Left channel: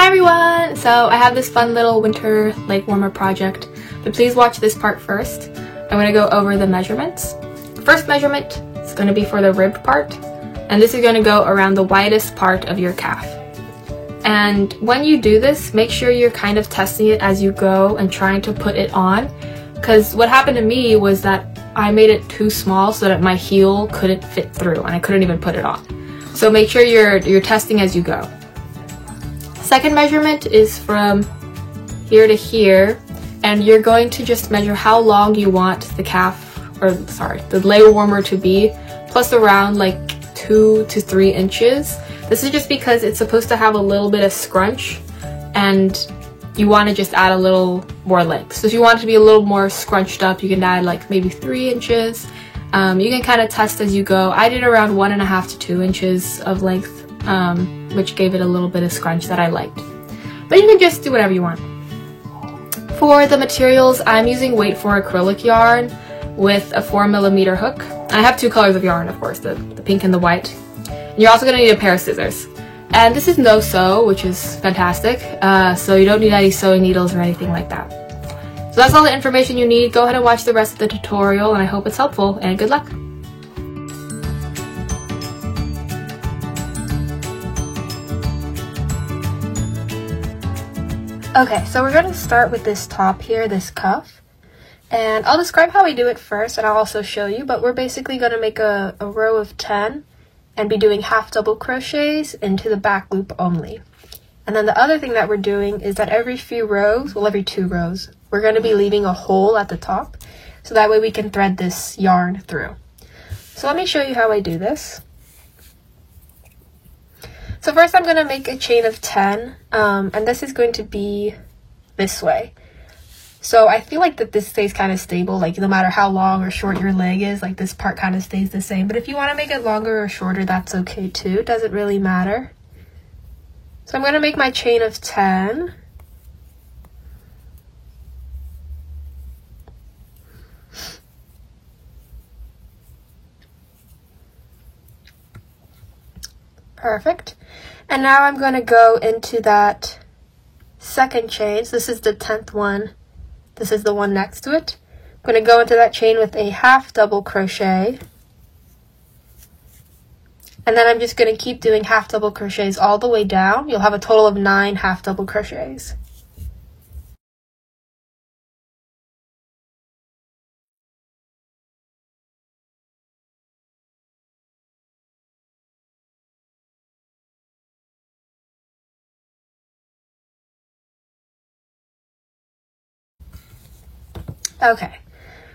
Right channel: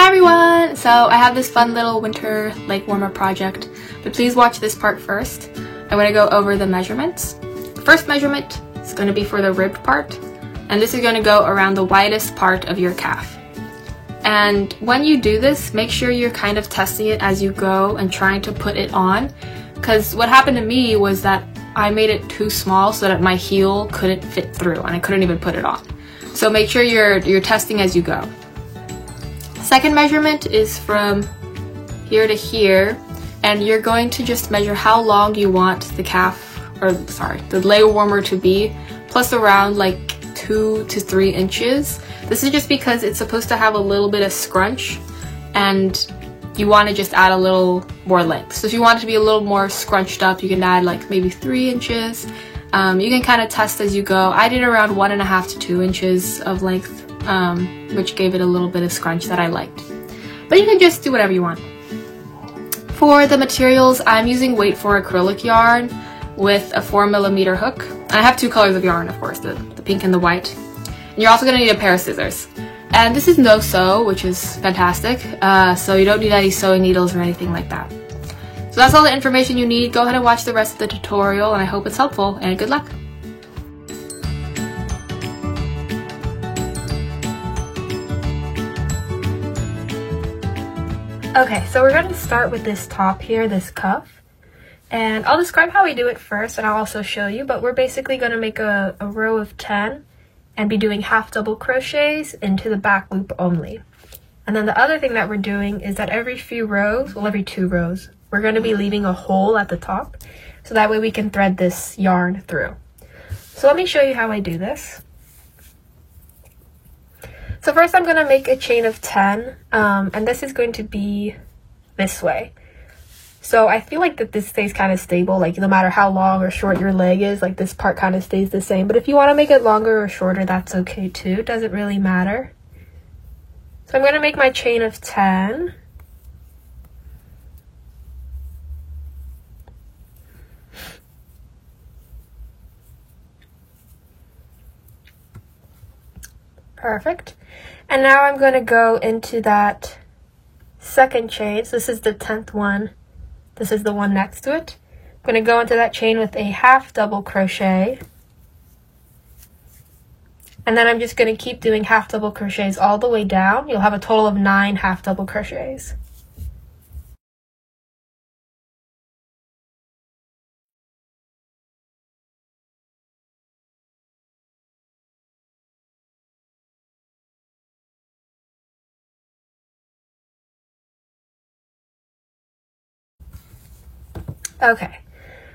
Hi everyone! So I have this fun little winter leg warmer project, but please watch this part first. I'm going to go over the measurements. The first measurement is going to be for the ribbed part, and this is going to go around the widest part of your calf. And when you do this, make sure you're kind of testing it as you go and trying to put it on, because what happened to me was that I made it too small so that my heel couldn't fit through and I couldn't even put it on. So make sure you're testing as you go. Second measurement is from here to here, and you're going to just measure how long you want the the leg warmer to be, plus around like 2 to 3 inches. This is just because it's supposed to have a little bit of scrunch and you want to just add a little more length. So if you want it to be a little more scrunched up, you can add like maybe 3 inches. You can kind of test as you go. I did around 1.5 to 2 inches of length, which gave it a little bit of scrunch that I liked. But you can just do whatever you want. For the materials, I'm using weight for acrylic yarn with a 4mm hook. I have 2 colors of yarn, of course, the pink and the white. And you're also going to need a pair of scissors. And this is no sew, which is fantastic. So you don't need any sewing needles or anything like that. So that's all the information you need. Go ahead and watch the rest of the tutorial, and I hope it's helpful, and good luck. Okay, so we're going to start with this top here, this cuff. And I'll describe how we do it first, and I'll also show you, but we're basically going to make a row of 10 and be doing half double crochets into the back loop only. And then the other thing that we're doing is that every few rows, well, every 2 rows, we're going to be leaving a hole at the top, so that way we can thread this yarn through. So let me show you how I do this. So first I'm going to make a chain of 10, and this is going to be this way. So I feel like that this stays kind of stable, like no matter how long or short your leg is, like this part kind of stays the same. But if you want to make it longer or shorter, that's okay too. It doesn't really matter. So I'm going to make my chain of 10. Perfect. And now I'm going to go into that second chain. So this is the 10th one. This is the one next to it. I'm going to go into that chain with a half double crochet. And then I'm just going to keep doing half double crochets all the way down. You'll have a total of 9 half double crochets. Okay,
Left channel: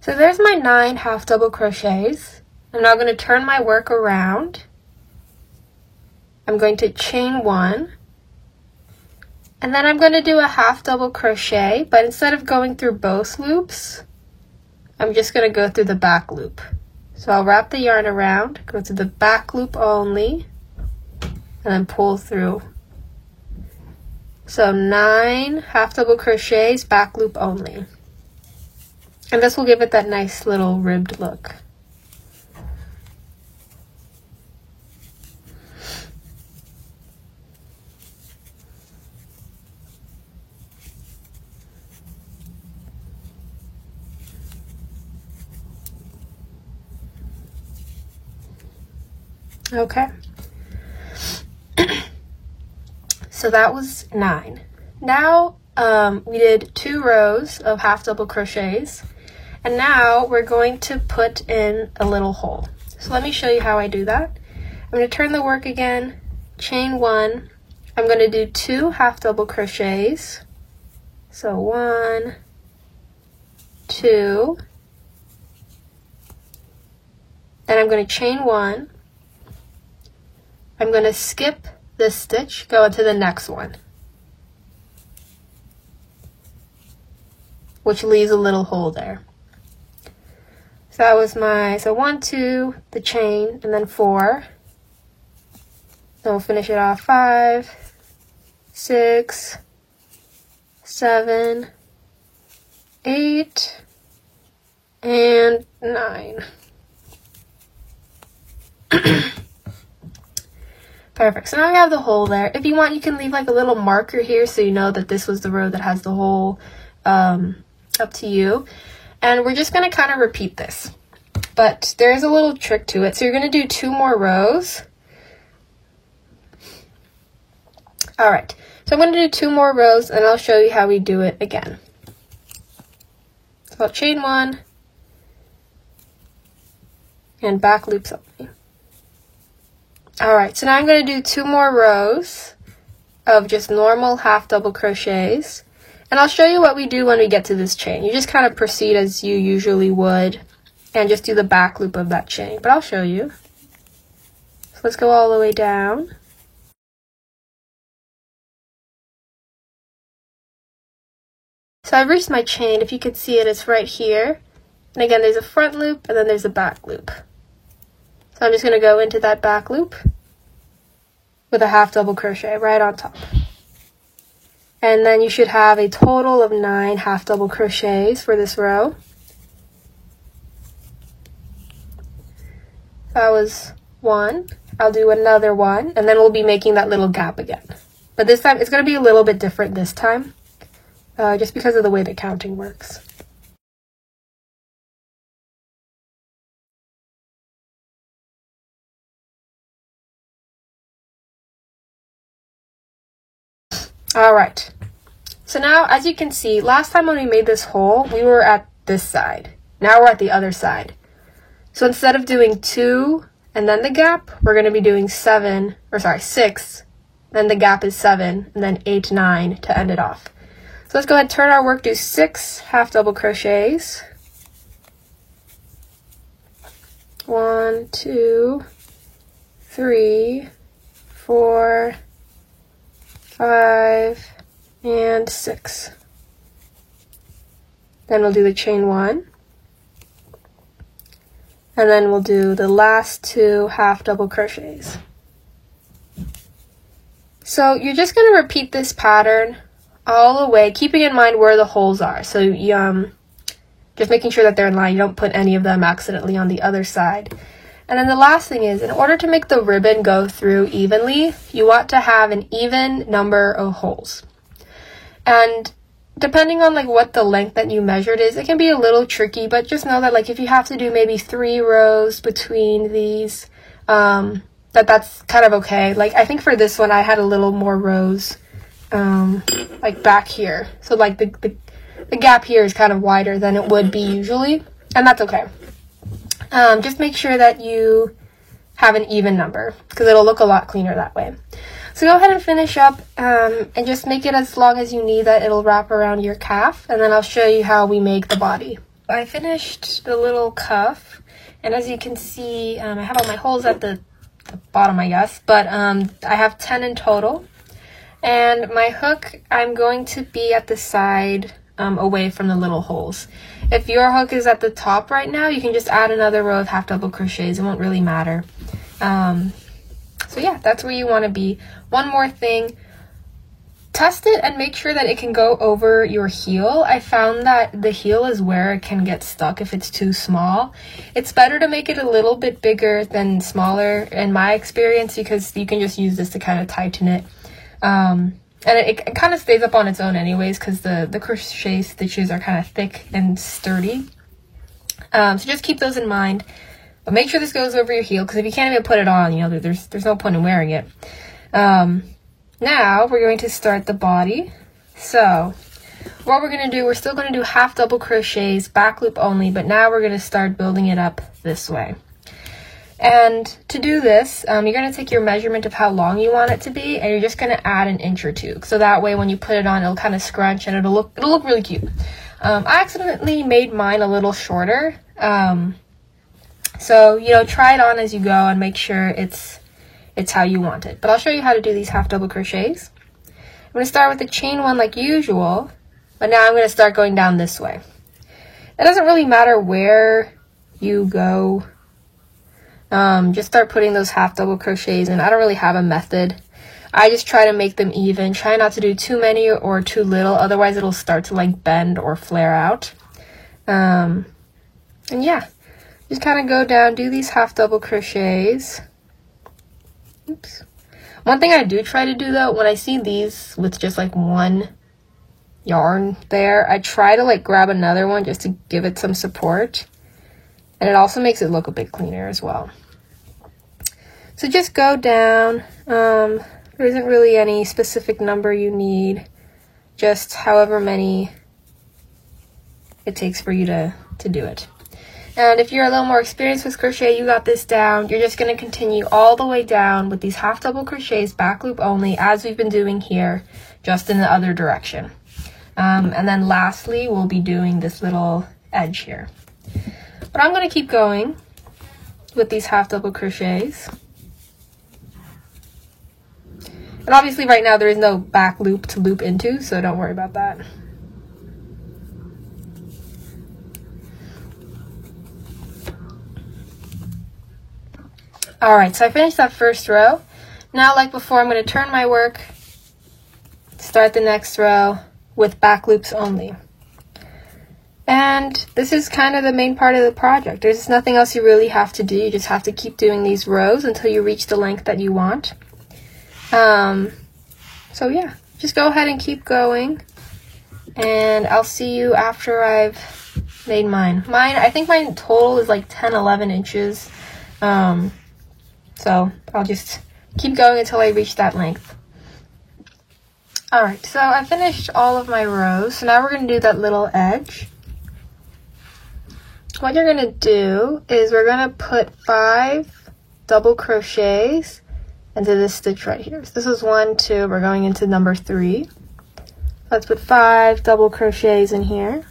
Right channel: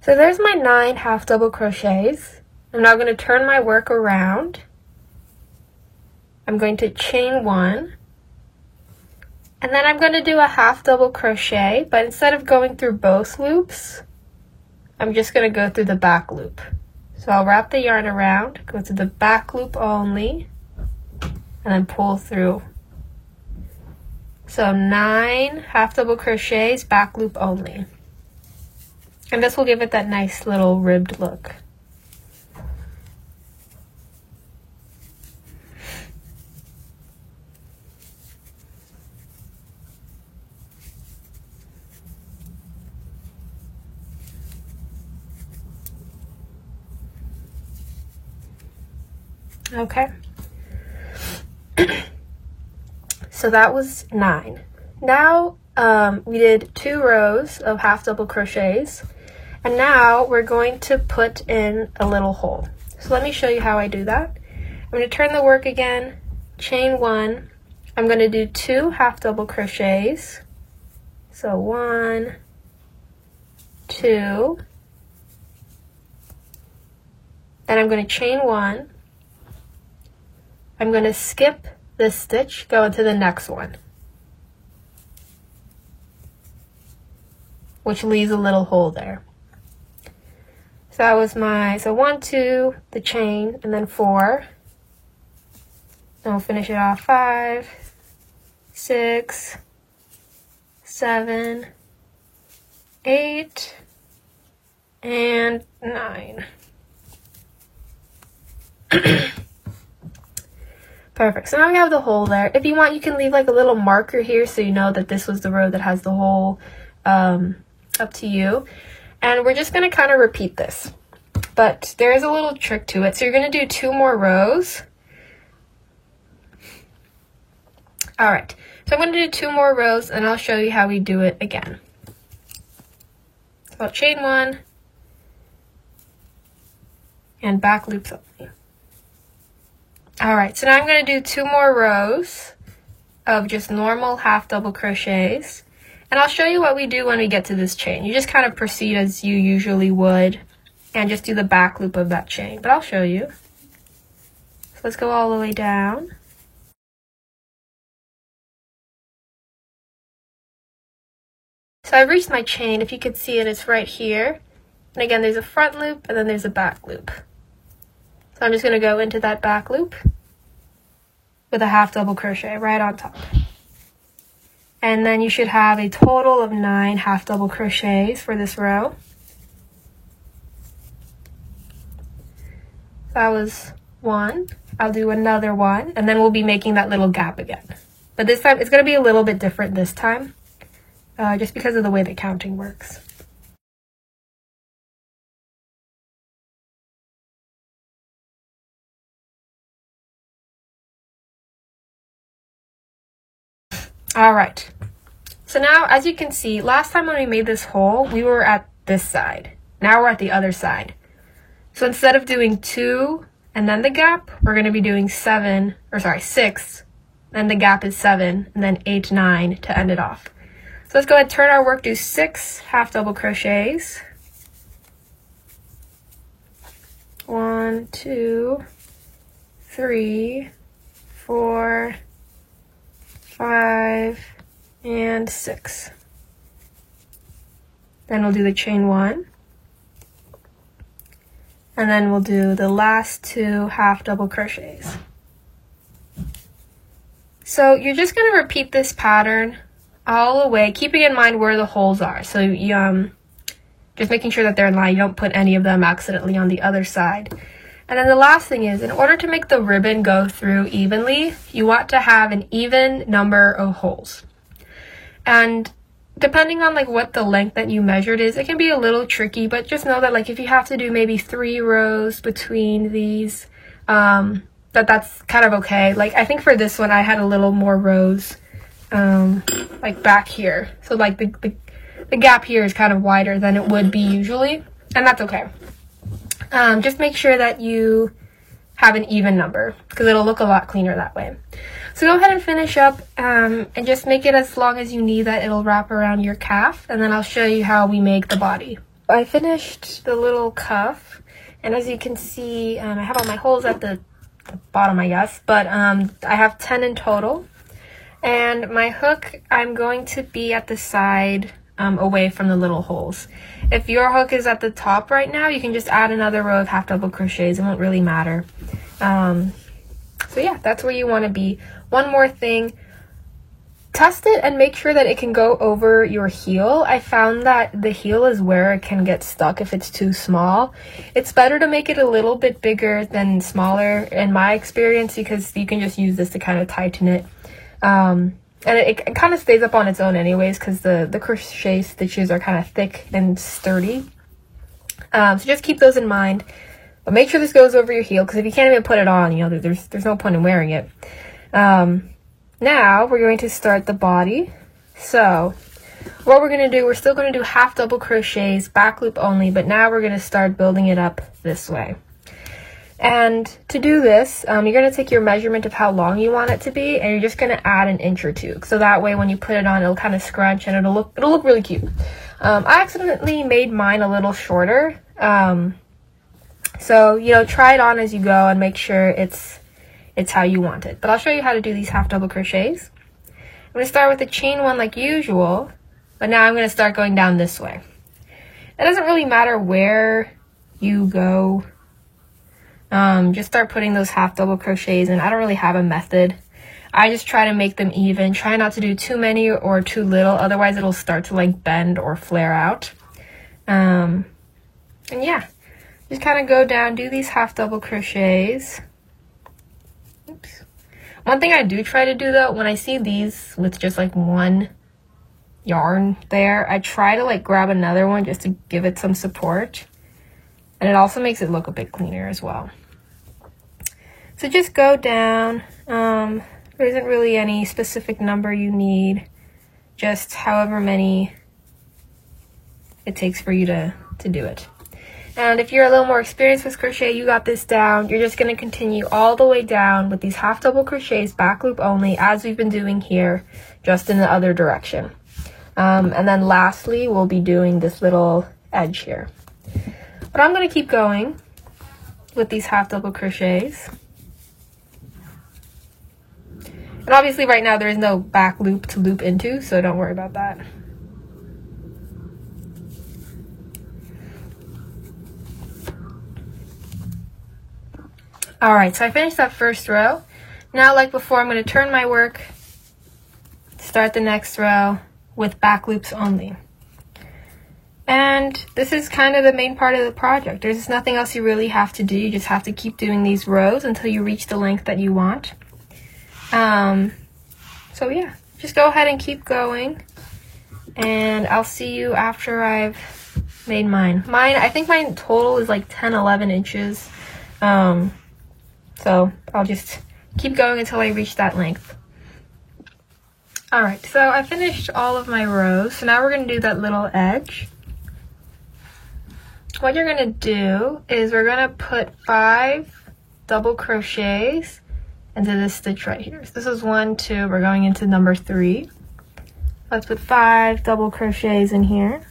so there's my 9 half double crochets. I'm now going to turn my work around. I'm going to chain 1, and then I'm going to do a half double crochet, but instead of going through both loops, I'm just going to go through the back loop. So I'll wrap the yarn around, go to the back loop only, and then pull through. So 9 half double crochets, back loop only. And this will give it that nice little ribbed look. Okay. So that was 9. Now we did 2 rows of half double crochets. And now we're going to put in a little hole. So let me show you how I do that. I'm going to turn the work again, chain 1. I'm going to do 2 half double crochets. So 1, 2. Then I'm going to chain 1. I'm going to skip this stitch, go into the next one, which leaves a little hole there. So that was my, 1, 2, the chain, and then 4. Then we'll finish it off 5, 6, 7, 8, and 9. Perfect. So now we have the hole there. If you want, you can leave like a little marker here so you know that this was the row that has the hole, up to you. And we're just going to kind of repeat this. But there is a little trick to it. So you're going to do 2 more rows. All right. So I'm going to do 2 more rows and I'll show you how we do it again. So I'll chain 1 and back loops only. All right, so now I'm going to do 2 more rows of just normal half double crochets, and I'll show you what we do when we get to this chain. You just kind of proceed as you usually would and just do the back loop of that chain, but I'll show you. So let's go all the way down. So I've reached my chain. If you could see it, it's right here. And again, there's a front loop and then there's a back loop. So I'm just going to go into that back loop with a half double crochet right on top. And then you should have a total of 9 half double crochets for this row. That was 1. I'll do another 1, and then we'll be making that little gap again. But this time, it's going to be a little bit different this time, just because of the way the counting works. All right, so now as you can see, last time when we made this hole, we were at this side. Now we're at the other side. So instead of doing 2 and then the gap, we're going to be doing 6, then the gap is 7, and then 8, 9 to end it off. So let's go ahead and turn our work, do 6 half double crochets. 1, 2, 3, 4, 5, and 6. Then we'll do the chain 1. And then we'll do the last 2 half double crochets. So you're just going to repeat this pattern all the way, keeping in mind where the holes are. So you, just making sure that they're in line. You don't put any of them accidentally on the other side. And then the last thing is, in order to make the ribbon go through evenly, you want to have an even number of holes. And depending on like what the length that you measured is, it can be a little tricky, but just know that like if you have to do maybe 3 rows between these, that's kind of okay. Like I think for this one, I had a little more rows, like back here. So like the gap here is kind of wider than it would be usually, and that's okay. Just make sure that you have an even number because it'll look a lot cleaner that way. So go ahead and finish up and just make it as long as you need that it'll wrap around your calf, and then I'll show you how we make the body. I finished the little cuff, and as you can see, I have all my holes at the bottom, I guess, but I have 10 in total. And my hook, I'm going to be at the side away from the little holes. If your hook is at the top right now, you can just add another row of half double crochets. It won't really matter. So yeah, that's where you want to be. One more thing, test it and make sure that it can go over your heel. I found that the heel is where it can get stuck if it's too small. It's better to make it a little bit bigger than smaller in my experience, because you can just use this to kind of tighten it. And it kind of stays up on its own anyways, because the crochet stitches are kind of thick and sturdy. So just keep those in mind. But make sure this goes over your heel, because if you can't even put it on, you know, there's no point in wearing it. Now we're going to start the body. So what we're going to do, we're still going to do half double crochets, back loop only, but now we're going to start building it up this way. And to do this, you're going to take your measurement of how long you want it to be, and you're just going to add an inch or 2. So that way when you put it on, it'll kind of scrunch and it'll look really cute. I accidentally made mine a little shorter. So, you know, try it on as you go and make sure it's how you want it. But I'll show you how to do these half double crochets. I'm going to start with the chain 1 like usual, but now I'm going to start going down this way. It doesn't really matter where you go. Just start putting those half double crochets in. I don't really have a method. I just try to make them even. Try not to do too many or too little, otherwise it'll start to like bend or flare out. And yeah, just kind of go down, do these half double crochets. Oops. One thing I do try to do though, when I see these with just like one yarn there, I try to like grab another one just to give it some support, and it also makes it look a bit cleaner as well. So just go down. There isn't really any specific number you need, just however many it takes for you to do it. And if you're a little more experienced with crochet, you got this down. You're just going to continue all the way down with these half double crochets, back loop only, as we've been doing here, just in the other direction. And then lastly, we'll be doing this little edge here. But I'm going to keep going with these half double crochets. And obviously right now there is no back loop to loop into, so don't worry about that. Alright, so I finished that first row. Now, like before, I'm going to turn my work, start the next row with back loops only. And this is kind of the main part of the project. There's nothing else you really have to do. You just have to keep doing these rows until you reach the length that you want. So yeah, just go ahead and keep going. And I'll see you after I've made mine. I think mine total is like 10, 11 inches. So I'll just keep going until I reach that length. Alright, so I finished all of my rows. So now we're going to do that little edge. What you're going to do is we're going to put 5 double crochets into this stitch right here. So this is 1, 2, we're going into number 3. Let's put 5 double crochets in here.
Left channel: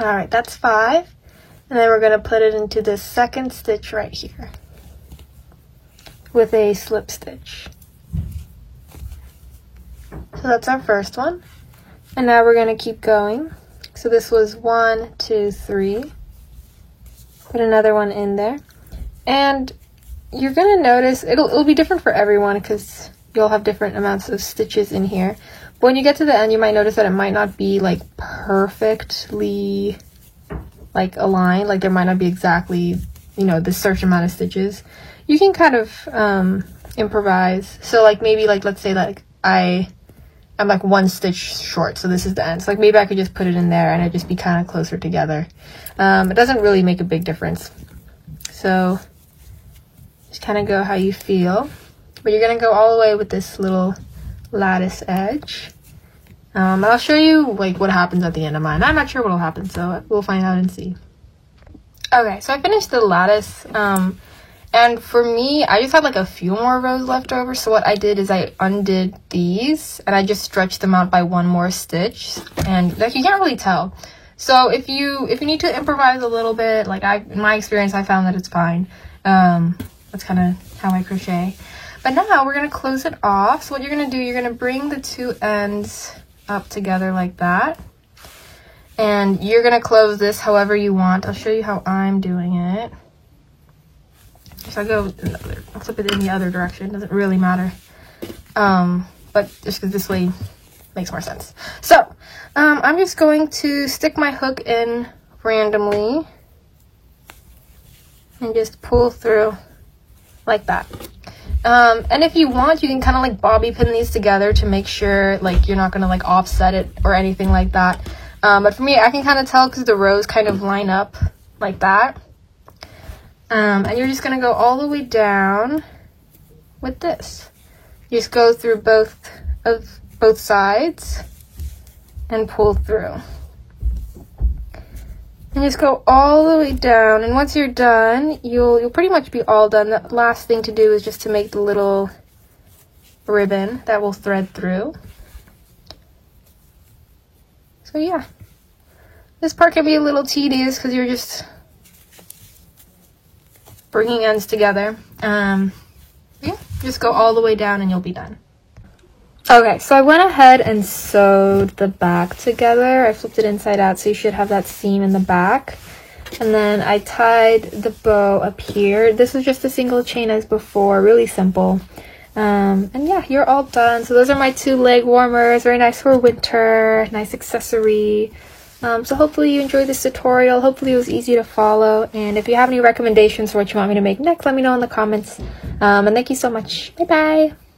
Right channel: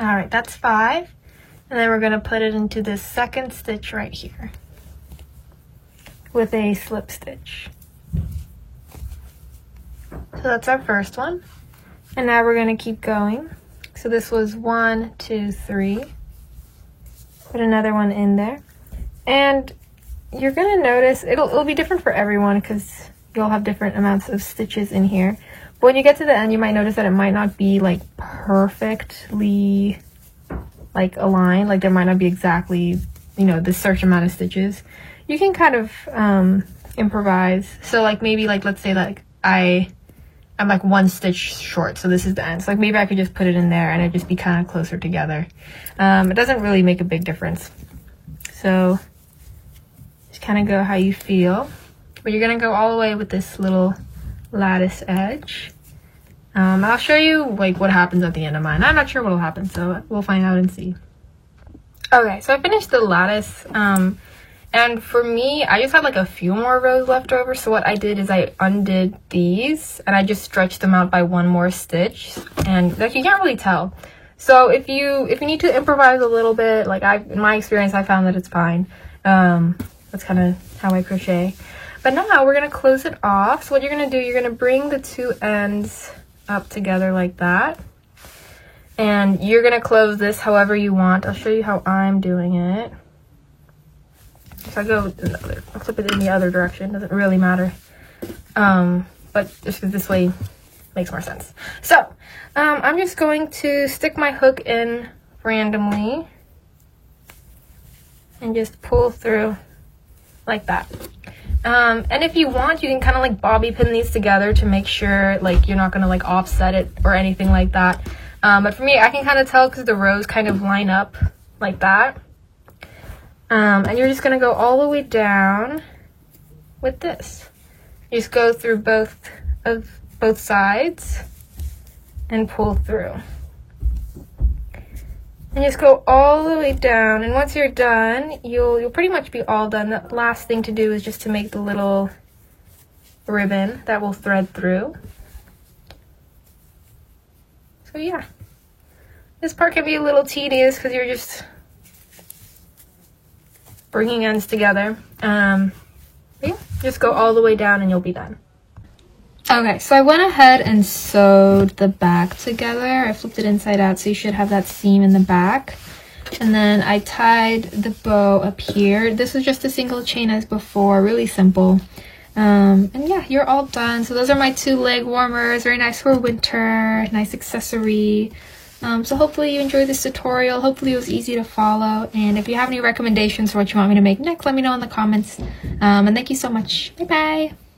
Alright, that's 5. And then we're going to put it into this second stitch right here with a slip stitch. So that's our first one. And now we're going to keep going. So this was 1, 2, 3. Put another one in there. And you're going to notice, it'll be different for everyone because you'll have different amounts of stitches in here. But when you get to the end, you might notice that it might not be like perfectly like aligned. Like there might not be exactly, you know, the certain amount of stitches. You can kind of improvise. So like maybe like let's say like I'm like 1 stitch short, so this is the end. So like maybe I could just put it in there and it'd just be kind of closer together. It doesn't really make a big difference. So just kind of go how you feel. But you're gonna go all the way with this little lattice edge. I'll show you like what happens at the end of mine. I'm not sure what will happen, so we'll find out and see. Okay, so I finished the lattice, and for me, I just had like a few more rows left over. So what I did is I undid these and I just stretched them out by 1 more stitch, and like you can't really tell. So if you need to improvise a little bit, like in my experience, I found that it's fine. That's kind of how I crochet. But now we're gonna close it off. So what you're gonna do, you're gonna bring the 2 ends up together like that, and you're gonna close this however you want. I'll show you how I'm doing it. So I go I'll flip it in the other direction, doesn't really matter, but just because this way makes more sense. So I'm just going to stick my hook in randomly and just pull through like that. And if you want, you can kind of like bobby pin these together to make sure like you're not gonna like offset it or anything like that. But for me, I can kind of tell because the rows kind of line up like that. And you're just gonna go all the way down with this. You just go through both sides and pull through. And just go all the way down, and once you're done, you'll pretty much be all done. The last thing to do is just to make the little ribbon that will thread through. So yeah, this part can be a little tedious because you're just bringing ends together. Yeah, just go all the way down and you'll be done. Okay, so I went ahead and sewed the back together. I flipped it inside out, so you should have that seam in the back. And then I tied the bow up here. This is just a single chain as before, really simple. And yeah, you're all done. So those are my 2 leg warmers, very nice for winter, nice accessory. So hopefully you enjoyed this tutorial. Hopefully it was easy to follow, and if you have any recommendations for what you want me to make next, let me know in the comments. And thank you so much. Bye bye.